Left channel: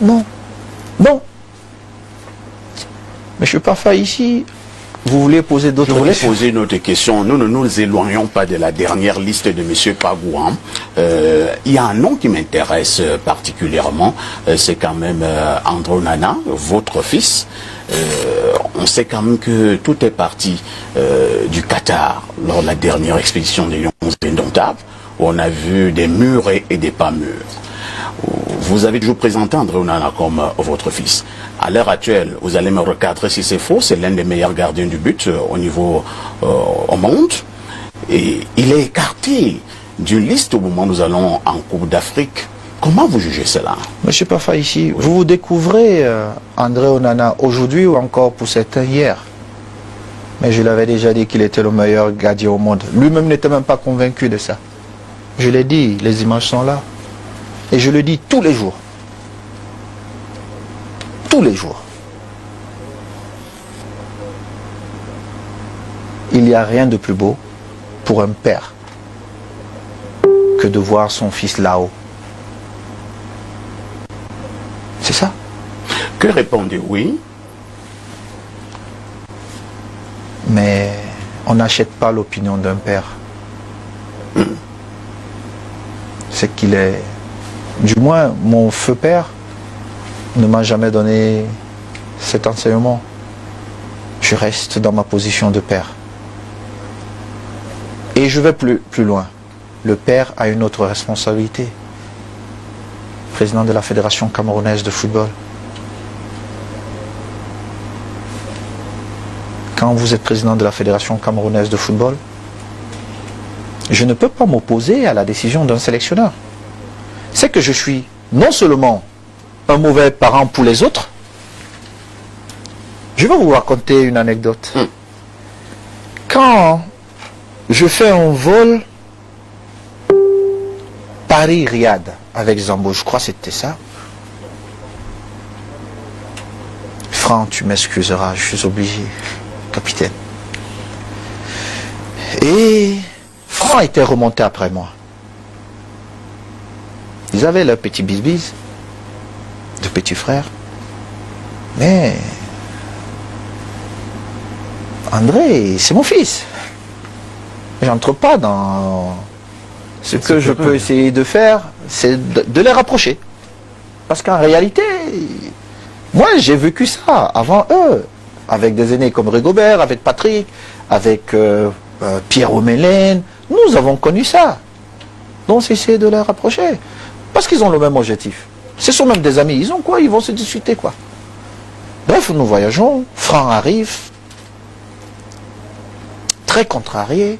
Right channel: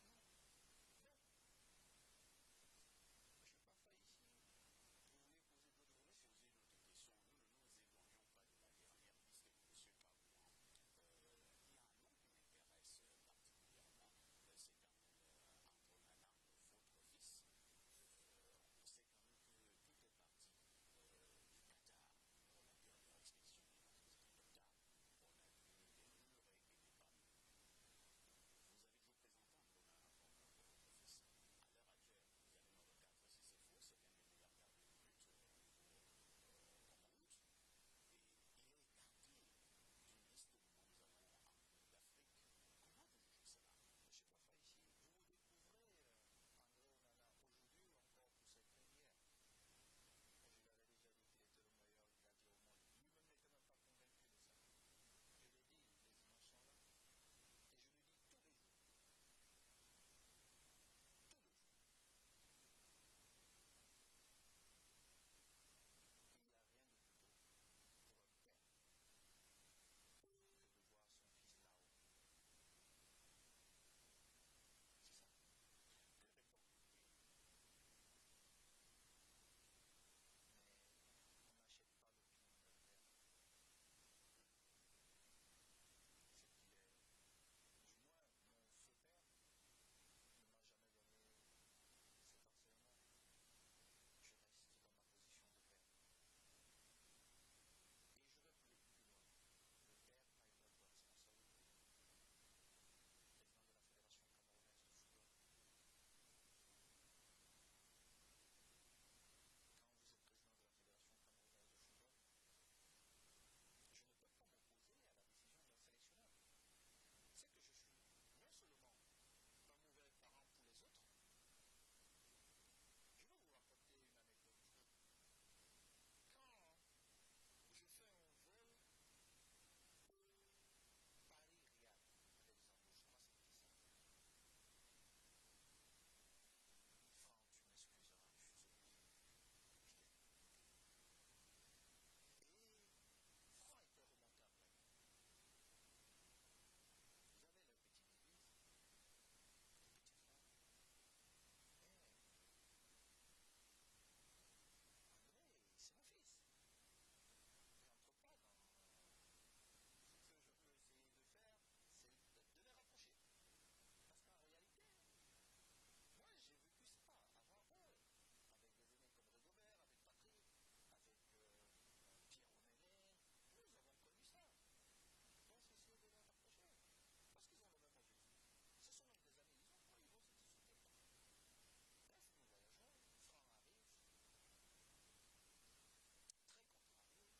Non. Non. Mais je ne suis pas fait ici. Vous voulez poser d'autres questions? Je voulais poser une autre question. Nous ne nous éloignons pas de la dernière liste de M. Pagouan. Il y a un nom qui m'intéresse particulièrement. C'est quand même André Onana, votre fils. On sait quand même que tout est parti du Qatar lors de la dernière expédition des Lions indomptables, où on a vu des murs et des pas mûrs. Vous avez toujours présenté André Onana comme votre fils. À l'heure actuelle, vous allez me recadrer si c'est faux, c'est l'un des meilleurs gardiens du but au niveau au monde. Et il est écarté d'une liste au moment où nous allons en Coupe d'Afrique. Comment vous jugez cela? Monsieur Pafa, ici, oui. Vous découvrez André Onana aujourd'hui ou encore pour certains hier. Mais je l'avais déjà dit qu'il était le meilleur gardien au monde. Lui-même n'était même pas convaincu de ça. Je l'ai dit, les images sont là. Et je le dis tous les jours. Tous les jours. Il n'y a rien de plus beau pour un père que de voir son fils là-haut. C'est ça. Que répondez oui? Mais on n'achète pas l'opinion d'un père. C'est qu'il est... Du moins, mon feu père ne m'a jamais donné cet enseignement. Je reste dans ma position de père. Et je vais plus loin. Le père a une autre responsabilité. Président de la Fédération camerounaise de football. Quand vous êtes président de la Fédération camerounaise de football, je ne peux pas m'opposer à la décision d'un sélectionneur. C'est que je suis non seulement un mauvais parent pour les autres. Je vais vous raconter une anecdote. Quand je fais un vol Paris-Riyad avec Zambo, je crois que c'était ça. Franck, tu m'excuseras, je suis obligé, capitaine. Et Franck était remonté après moi. Ils avaient leur petit bis-bis, de petits frères. Mais André, c'est mon fils. J'entre pas dans... Ce que je peux essayer de faire, c'est de les rapprocher. Parce qu'en réalité, moi j'ai vécu ça avant eux. Avec des aînés comme Rigobert, avec Patrick, avec Pierre Omélène. Nous avons connu ça. Donc c'est essayer de les rapprocher. Parce qu'ils ont le même objectif. Ce sont même des amis. Ils ont quoi? Ils vont se discuter quoi. Bref, nous voyageons. Franck arrive. Très contrarié.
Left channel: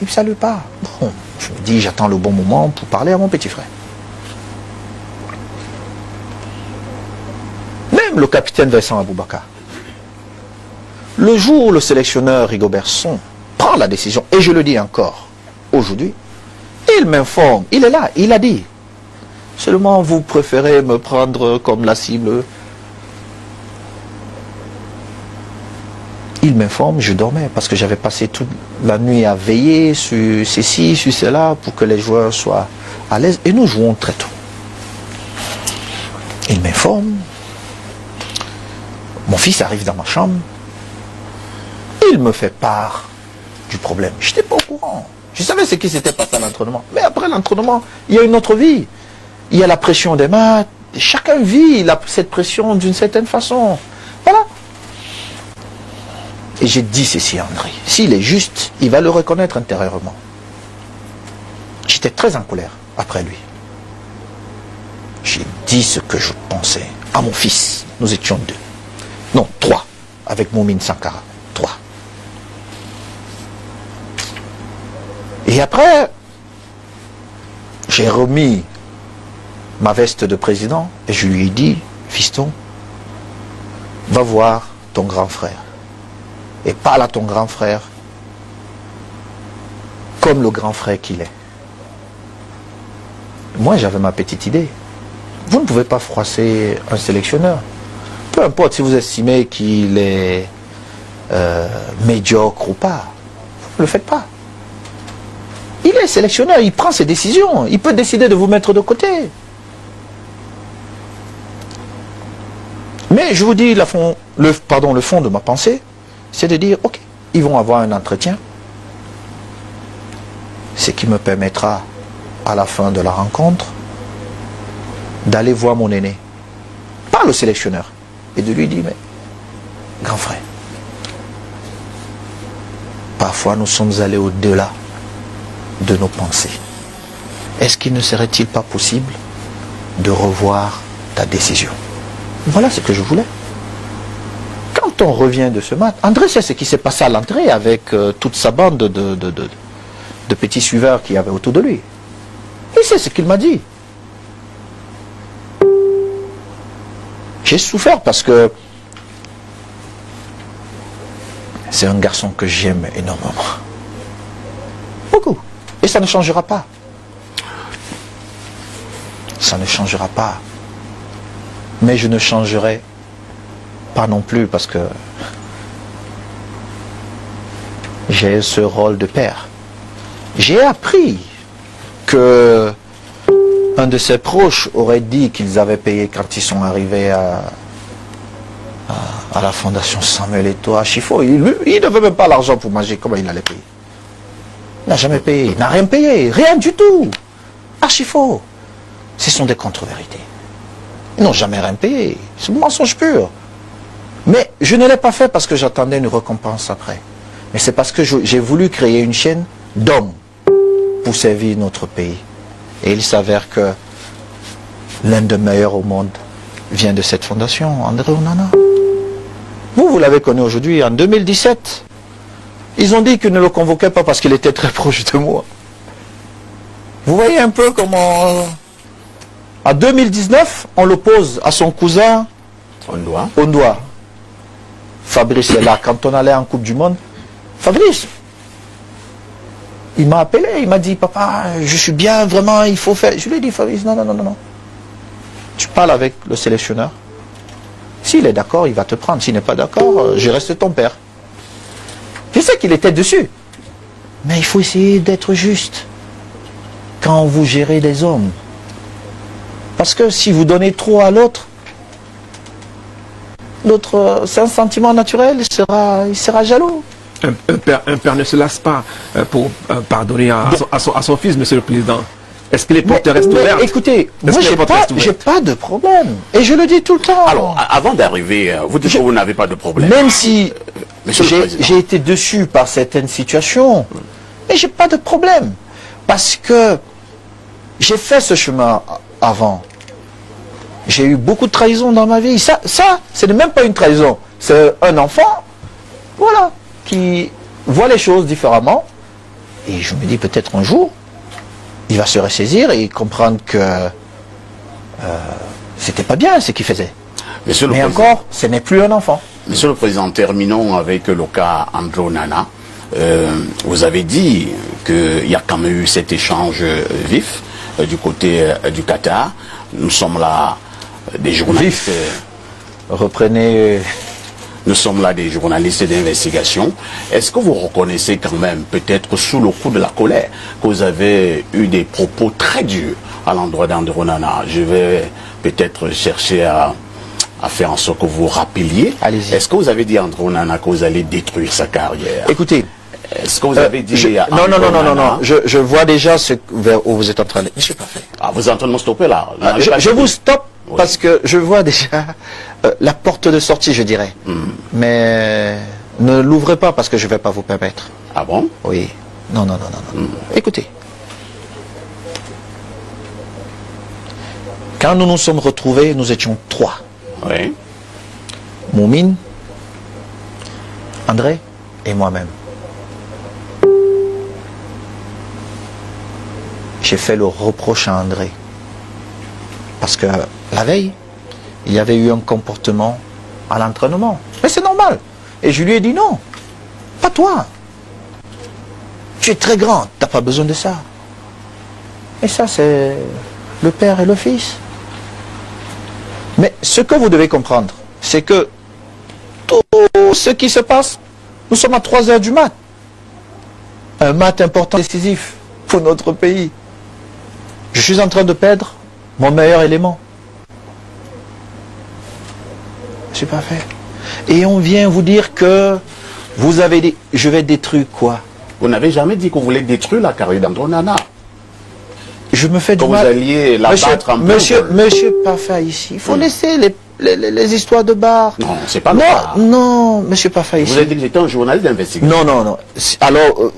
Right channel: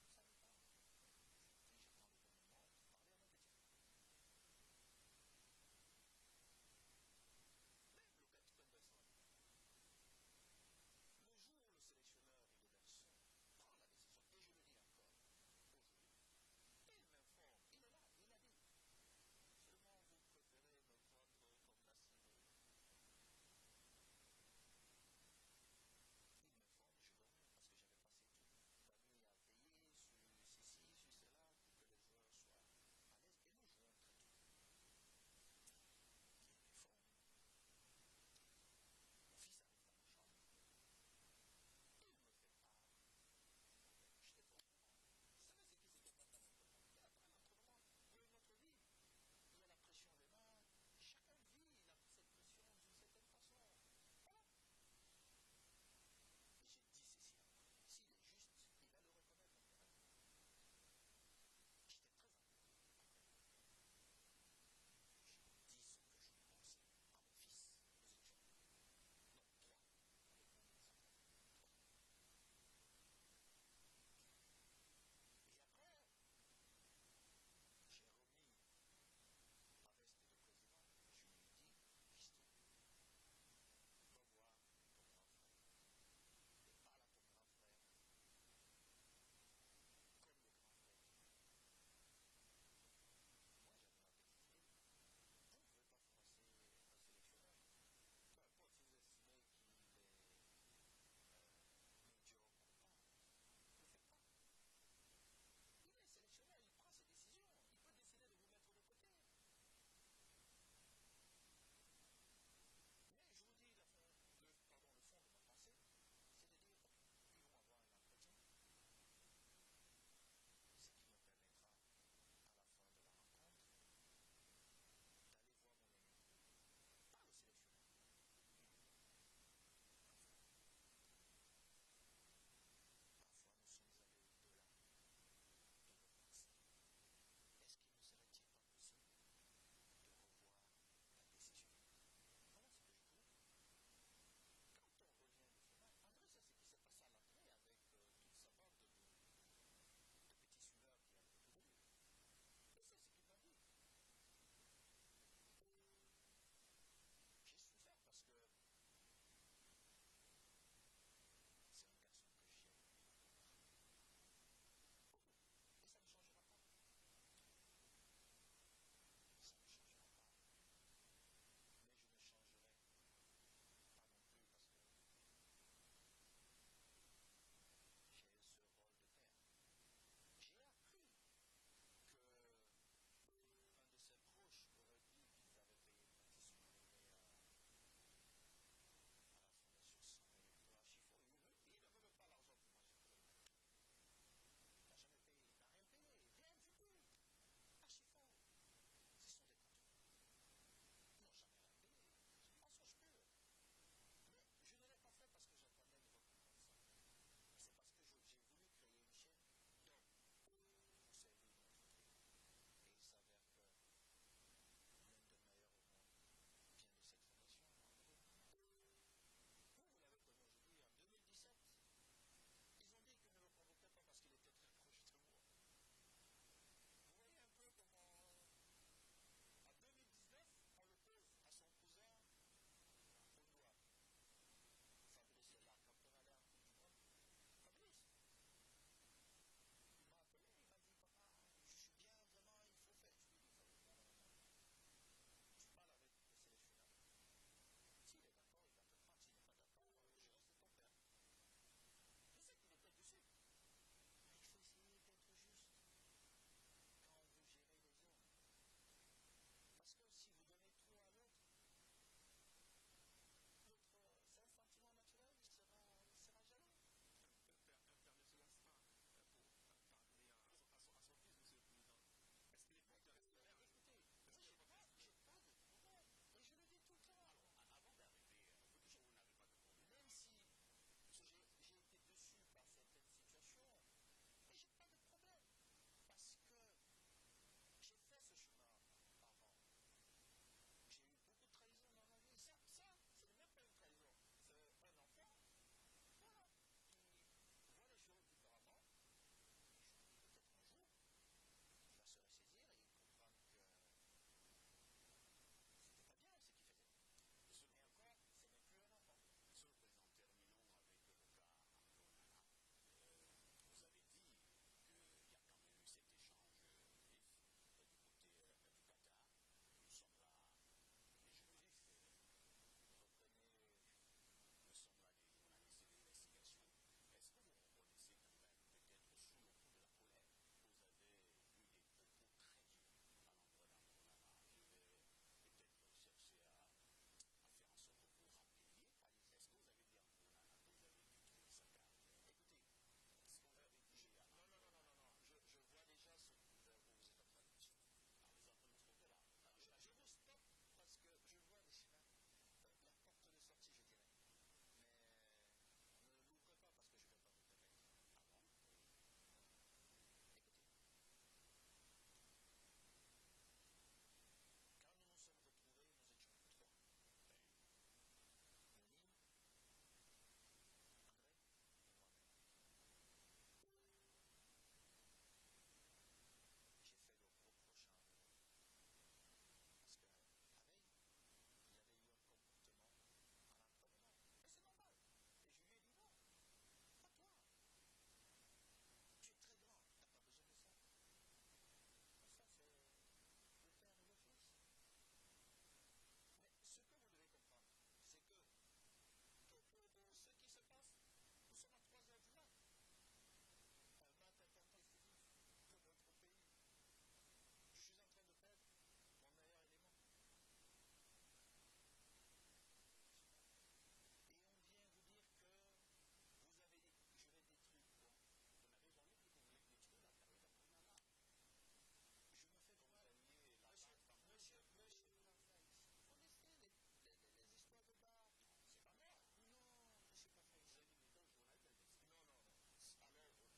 Il ne me salue pas. Bon, je me dis, j'attends le bon moment pour parler à mon petit frère. Même le capitaine Vincent Aboubakar. Le jour où le sélectionneur Rigobert Song prend la décision, et je le dis encore aujourd'hui, il m'informe, il est là, il a dit. Seulement vous préférez me prendre comme la cible. Il m'informe, je dormais parce que j'avais passé toute la nuit à veiller sur ceci, sur cela, pour que les joueurs soient à l'aise. Et nous jouons très tôt. Il m'informe. Mon fils arrive dans ma chambre. Il me fait part du problème. Je n'étais pas au courant. Je savais ce qui s'était passé à l'entraînement. Mais après l'entraînement, il y a une autre vie. Il y a la pression des maths. Chacun vit cette pression d'une certaine façon. Voilà. Et j'ai dit ceci à André. S'il est juste, il va le reconnaître intérieurement. J'étais très en colère après lui. J'ai dit ce que je pensais à mon fils. Nous étions 2. Non, 3. Avec Moumine Sankara. 3. Et après, j'ai remis ma veste de président et je lui ai dit, fiston, va voir ton grand frère. Et parle à ton grand frère comme le grand frère qu'il est. Moi, j'avais ma petite idée. Vous ne pouvez pas froisser un sélectionneur. Peu importe si vous estimez qu'il est médiocre ou pas. Vous ne le faites pas. Il est sélectionneur, il prend ses décisions. Il peut décider de vous mettre de côté. Mais je vous dis, le fond de ma pensée, c'est de dire, ok, ils vont avoir un entretien, ce qui me permettra, à la fin de la rencontre, d'aller voir mon aîné, pas le sélectionneur, et de lui dire, mais, grand frère, parfois nous sommes allés au-delà de nos pensées. Est-ce qu'il ne serait-il pas possible de revoir ta décision? Voilà ce que je voulais. Quand on revient de ce match, André sait ce qui s'est passé à l'entrée avec toute sa bande de petits suiveurs qu'il y avait autour de lui. Il sait ce qu'il m'a dit. J'ai souffert parce que c'est un garçon que j'aime énormément. Beaucoup. Et ça ne changera pas. Ça ne changera pas. Mais je ne changerai pas non plus parce que j'ai ce rôle de père. J'ai appris que un de ses proches aurait dit qu'ils avaient payé quand ils sont arrivés à la fondation Samuel Eto'o à Chifo. Il ne veut même pas l'argent pour manger. Comment il allait payer? Il n'a jamais payé. Il n'a rien payé. Rien du tout. À Chifo. Ce sont des contre-vérités. Ils n'ont jamais rien payé. C'est un mensonge pur. Mais je ne l'ai pas fait parce que j'attendais une récompense après. Mais c'est parce que j'ai voulu créer une chaîne d'hommes pour servir notre pays. Et il s'avère que l'un des meilleurs au monde vient de cette fondation, André Onana. Vous l'avez connu aujourd'hui, en 2017. Ils ont dit qu'ils ne le convoquaient pas parce qu'il était très proche de moi. Vous voyez un peu comment... En 2019, on l'oppose à son cousin Ondoa. Fabrice est là. Quand on allait en Coupe du Monde, Fabrice, il m'a appelé, il m'a dit, papa, je suis bien, vraiment, il faut faire... Je lui ai dit, Fabrice, non, non, non, non. Tu parles avec le sélectionneur. S'il est d'accord, il va te prendre. S'il n'est pas d'accord, je reste ton père. Je sais qu'il était dessus. Mais il faut essayer d'être juste quand vous gérez des hommes. Parce que si vous donnez trop à l'autre, l'autre, c'est un sentiment naturel, il sera jaloux. Un père ne se lasse pas pour pardonner à son fils, monsieur le président. Est-ce que les portes restent ouvertes? Écoutez, moi j'ai pas de problème. Et je le dis tout le temps. Alors, avant d'arriver, vous dites que vous n'avez pas de problème. Même si j'ai été déçu par certaines situations, mais j'ai pas de problème. Parce que j'ai fait ce chemin avant. J'ai eu beaucoup de trahison dans ma vie. Ça ce n'est même pas une trahison. C'est un enfant, voilà, qui voit les choses différemment. Et je me dis peut-être un jour, il va se ressaisir et comprendre que c'était pas bien ce qu'il faisait. Mais encore, ce n'est plus un enfant. Monsieur le Président, terminons avec le cas André Onana. Vous avez dit qu'il y a quand même eu cet échange vif du côté du Qatar. Nous sommes là des journalistes. Reprenez. Nous sommes là des journalistes d'investigation. Est-ce que vous reconnaissez quand même, peut-être sous le coup de la colère, que vous avez eu des propos très durs à l'endroit d'André Onana? Je vais peut-être chercher à faire en sorte que vous rappeliez. Allez-y. Est-ce que vous avez dit à André Onana que vous allez détruire sa carrière? Écoutez. Est-ce que vous avez dit à non, je vois déjà vers où vous êtes en train de... Je suis pas fait. Ah, vous êtes en train de me stopper là. Je vous stoppe parce que je vois déjà la porte de sortie, je dirais. Mais ne l'ouvrez pas parce que je ne vais pas vous permettre. Ah bon? Oui. Non. Écoutez. Quand nous nous sommes retrouvés, nous étions 3. Oui. Moumine, André et moi-même. J'ai fait le reproche à André. Parce que la veille, il y avait eu un comportement à l'entraînement. Mais c'est normal. Et je lui ai dit non, pas toi. Tu es très grand, tu n'as pas besoin de ça. Et ça, c'est le père et le fils. Mais ce que vous devez comprendre, c'est que tout ce qui se passe, nous sommes à 3 heures du mat. Un mat important, décisif pour notre pays. Je suis en train de perdre mon meilleur élément. Je n'ai pas fait. Et on vient vous dire que vous avez dit, je vais détruire quoi? Vous n'avez jamais dit que vous voulez détruire la carrière d'André Onana. Je me fais Que du vous mal. alliez la battre en Monsieur Parfa ici, il faut laisser les histoires de bar. Non, c'est pas le Non, cas. non, monsieur Parfa ici. Vous avez dit que j'étais un journaliste d'investigation. Non. Alors,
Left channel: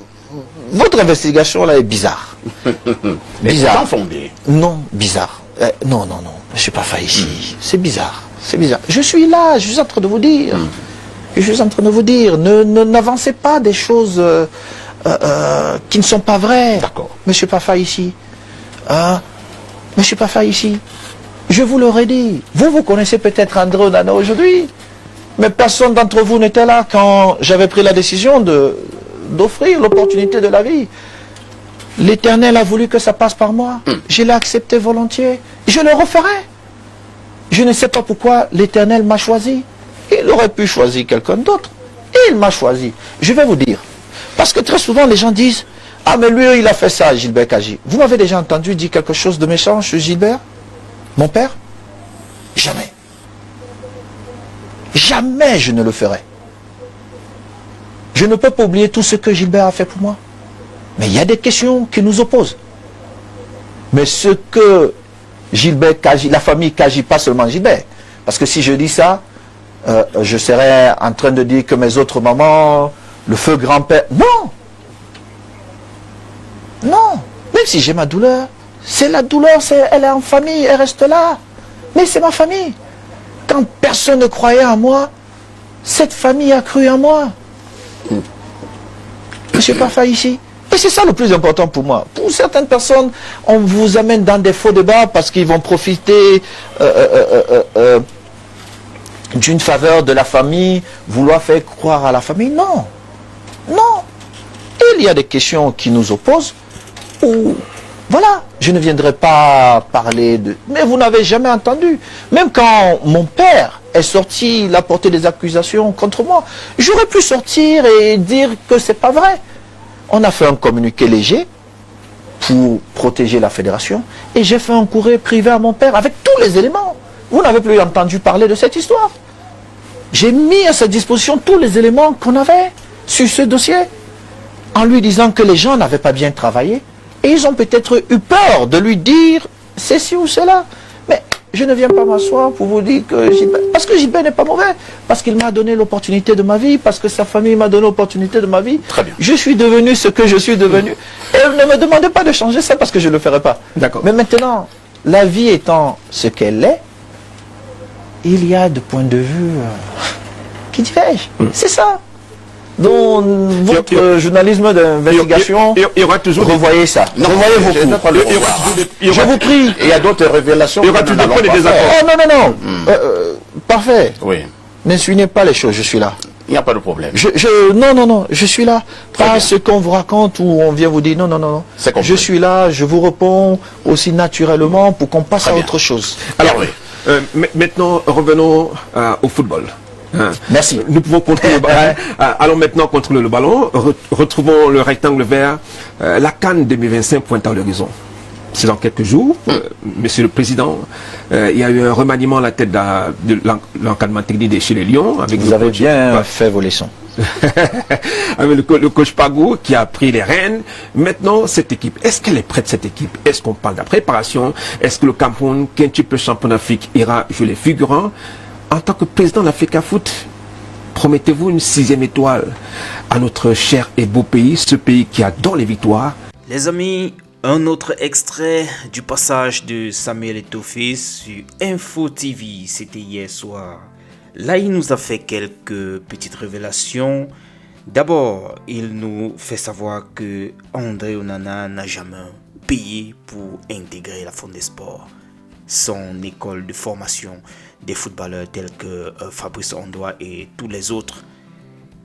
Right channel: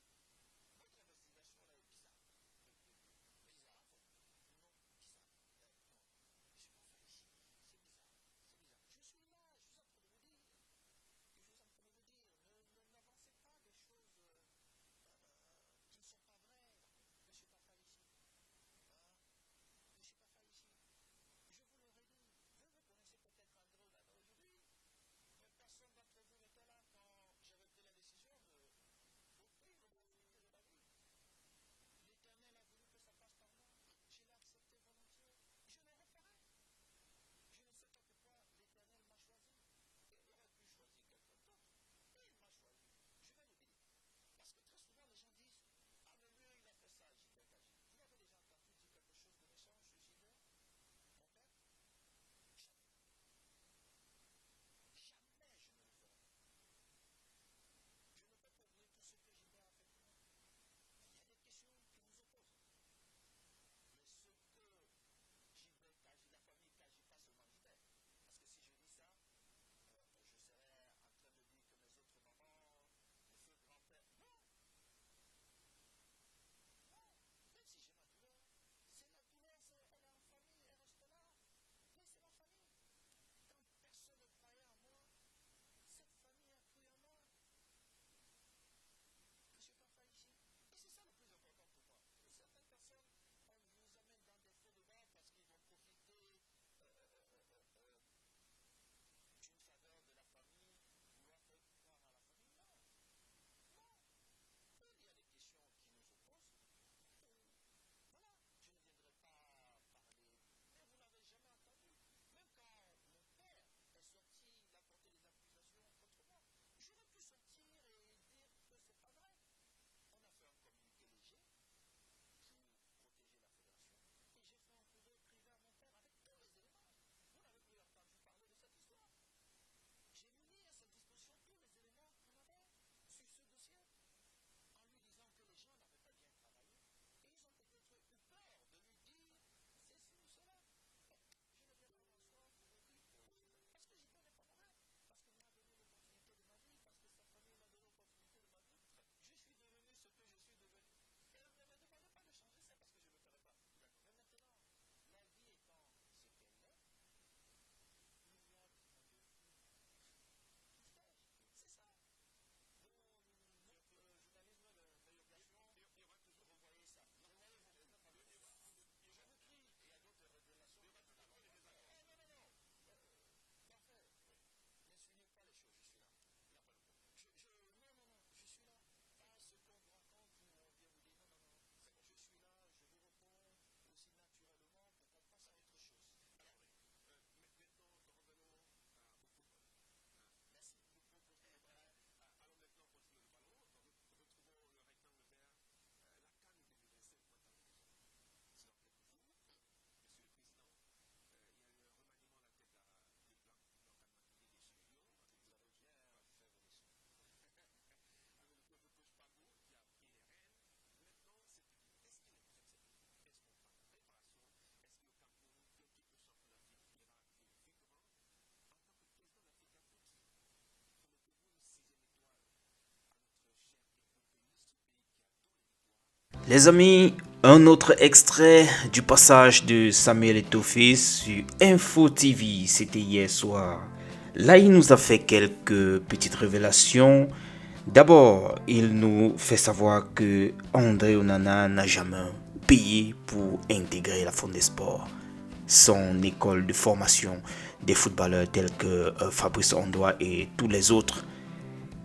votre investigation là est bizarre. Mais Bizarre. c'est fondé. Non, bizarre. Non, monsieur Parfa ici. C'est bizarre. C'est bizarre. Je suis là, je suis en train de vous dire. Je suis en train de vous dire, n'avancez pas des choses qui ne sont pas vraies. D'accord. Monsieur Parfa ici. Monsieur Parfa ici. Je vous l'aurais dit. Vous connaissez peut-être André Onana aujourd'hui. Mais personne d'entre vous n'était là quand j'avais pris la décision d'offrir l'opportunité de la vie. L'Éternel a voulu que ça passe par moi. Je l'ai accepté volontiers. Je le referai. Je ne sais pas pourquoi l'Éternel m'a choisi. Il aurait pu choisir quelqu'un d'autre. Il m'a choisi. Je vais vous dire. Parce que très souvent, les gens disent, ah mais lui, il a fait ça, Gilbert Kaji. Vous m'avez déjà entendu dire quelque chose de méchant sur Gilbert? Mon père? Jamais. Jamais je ne le ferai. Je ne peux pas oublier tout ce que Gilbert a fait pour moi. Mais il y a des questions qui nous opposent. Mais ce que Gilbert Kaji, la famille Kaji, pas seulement Gilbert, parce que si je dis ça, je serais en train de dire que mes autres mamans, le feu grand-père... Non! Non! Même si j'ai ma douleur, c'est la douleur, elle est en famille, elle reste là. Mais c'est ma famille. Quand personne ne croyait en moi, cette famille a cru en moi. Monsieur Parfa ici. Et c'est ça le plus important pour moi. Pour certaines personnes, on vous amène dans des faux débats parce qu'ils vont profiter d'une faveur de la famille, vouloir faire croire à la famille. Non. Non. Il y a des questions qui nous opposent où, voilà, je ne viendrai pas parler de... Mais vous n'avez jamais entendu. Même quand mon père est sorti, il a porté des accusations contre moi, j'aurais pu sortir et dire que c'est pas vrai. On a fait un communiqué léger pour protéger la fédération et j'ai fait un courrier privé à mon père avec tous les éléments. Vous n'avez plus entendu parler de cette histoire. J'ai mis à sa disposition tous les éléments qu'on avait sur ce dossier en lui disant que les gens n'avaient pas bien travaillé et ils ont peut-être eu peur de lui dire ceci ou cela. Mais je ne viens pas m'asseoir pour vous dire que Gilbert... Parce que Gilbert n'est pas mauvais. Parce qu'il m'a donné l'opportunité de ma vie. Parce que sa famille m'a donné l'opportunité de ma vie. Très bien. Je suis devenu ce que je suis devenu. Et ne me demandez pas de changer ça parce que je ne le ferai pas. D'accord. Mais maintenant, la vie étant ce qu'elle est, il y a de points de vue qui divergent. C'est ça. Dans votre journalisme d'investigation, il y aura toujours revoyez ça. Revoyez vos cours. Je vous prie. Il y a d'autres révélations. Il y aura toujours des désaccords. Oh non. Parfait. Oui, N'insinuez pas les choses, je suis là. il n'y a pas de problème. Non, je suis là. Très Pas bien. ce qu'on vous raconte ou on vient vous dire non. C'est compris. Je suis là, je vous réponds aussi naturellement pour qu'on passe Très à bien. autre chose. Alors, oui. maintenant, revenons au football. Hein. Merci. Nous pouvons contrôler le ballon. Allons maintenant contrôler le ballon. Retrouvons le rectangle vert. La CAN 2025 pointe à l'horizon. C'est dans quelques jours. Monsieur le Président, il y a eu un remaniement à la tête de l'encadrement technique de chez les Lions. Avec Vous le avez coach- bien fait vos leçons. avec le coach Pagou qui a pris les rênes. Maintenant, cette équipe, est-ce qu'elle est prête, cette équipe? Est-ce qu'on parle de la préparation? Est-ce que le Cameroun, quintuple champion d'Afrique, ira jouer les figurants? En tant que président de l'Africa Foot, promettez-vous une 6e étoile à notre cher et beau pays, ce pays qui adore les victoires? Les amis, un autre extrait du passage de Samuel Eto'o sur Info TV, c'était hier soir. Là, il nous a fait quelques petites révélations. D'abord, il nous fait savoir que André Onana n'a jamais payé pour intégrer la Fondé Sport, son école de formation des footballeurs tels que Fabrice Ondoa et tous les autres.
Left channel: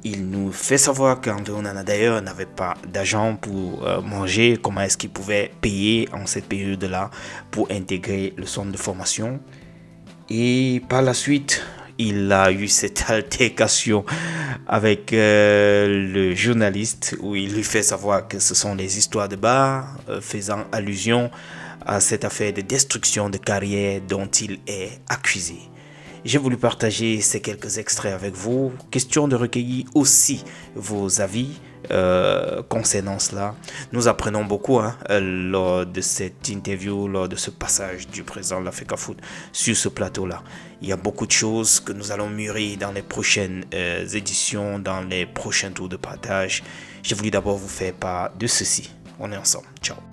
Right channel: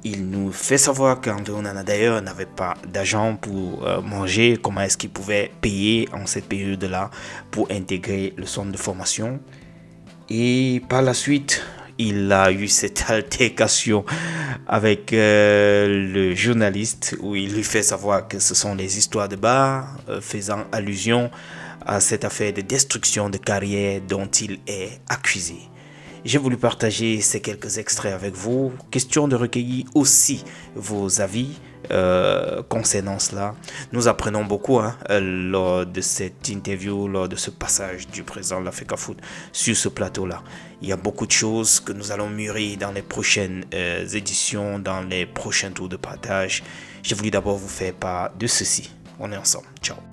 Il nous fait savoir qu'André Onana d'ailleurs n'avait pas d'argent pour manger. Comment est-ce qu'il pouvait payer en cette période-là pour intégrer le centre de formation? Et par la suite, il a eu cette altercation avec le journaliste où il lui fait savoir que ce sont des histoires de bar, faisant allusion à cette affaire de destruction de carrière dont il est accusé. J'ai voulu partager ces quelques extraits avec vous. Question de recueillir aussi vos avis concernant cela. Nous apprenons beaucoup lors de cette interview, lors de ce passage du président de l'Africa Foot sur ce plateau-là. Il y a beaucoup de choses que nous allons mûrir dans les prochaines éditions, dans les prochains tours de partage. J'ai voulu d'abord vous faire part de ceci. On est ensemble. Ciao.